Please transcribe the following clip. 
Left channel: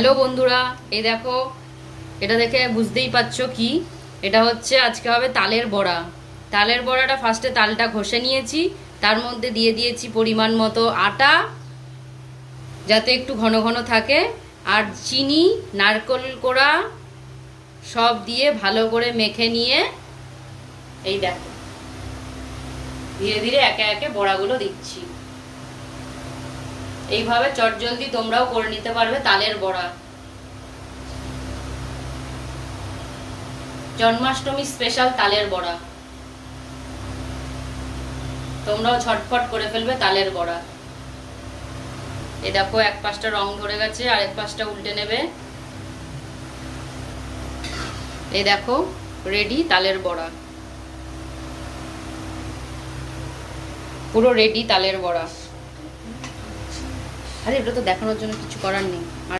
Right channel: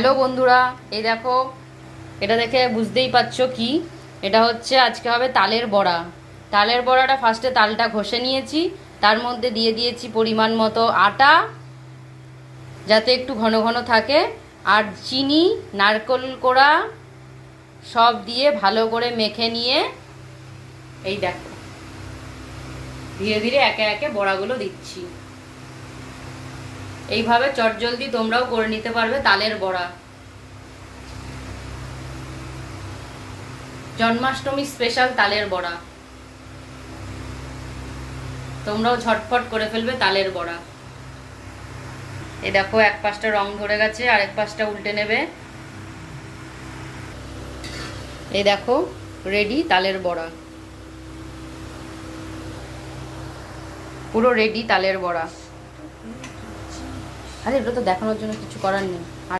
Hello বন্ধুরা, এই দেখো, এটা দেখে বুঝতেই পারছো কি এটা হচ্ছে। আজকে হবে তালের বড়া। তালের বড়াটা ফার্স্টে তালটা ঘষে নিয়েছি, তার মধ্যে দিয়ে দিয়েছি পরিমাণ মতো আটা, যাতে একটু ঘন ঘন থাকে, আর চিনি, নারকেল কোড়া সব দিয়ে ভালো করে মেখে নিয়ে এই দেখো ধীরে ধীরে একে একে বড়াগুলো দিচ্ছি। এইভাবে চটজলদি তোমরাও করে নিতে পারবে তালের বড়া। জন্মাষ্টমী স্পেশাল তালের বড়া, তোমরাও ঝটফট করে ফেলবে তালের বড়া। এই দেখো, এক পাশটা রং ধরে গেছে, আর এক পাশটা উল্টে নেবে। এই দেখো, রেডি তালের বড়া, পুরো রেডি তালের বড়া। আরে এটা তো দেখানোর জন্য কিছু করার নেই।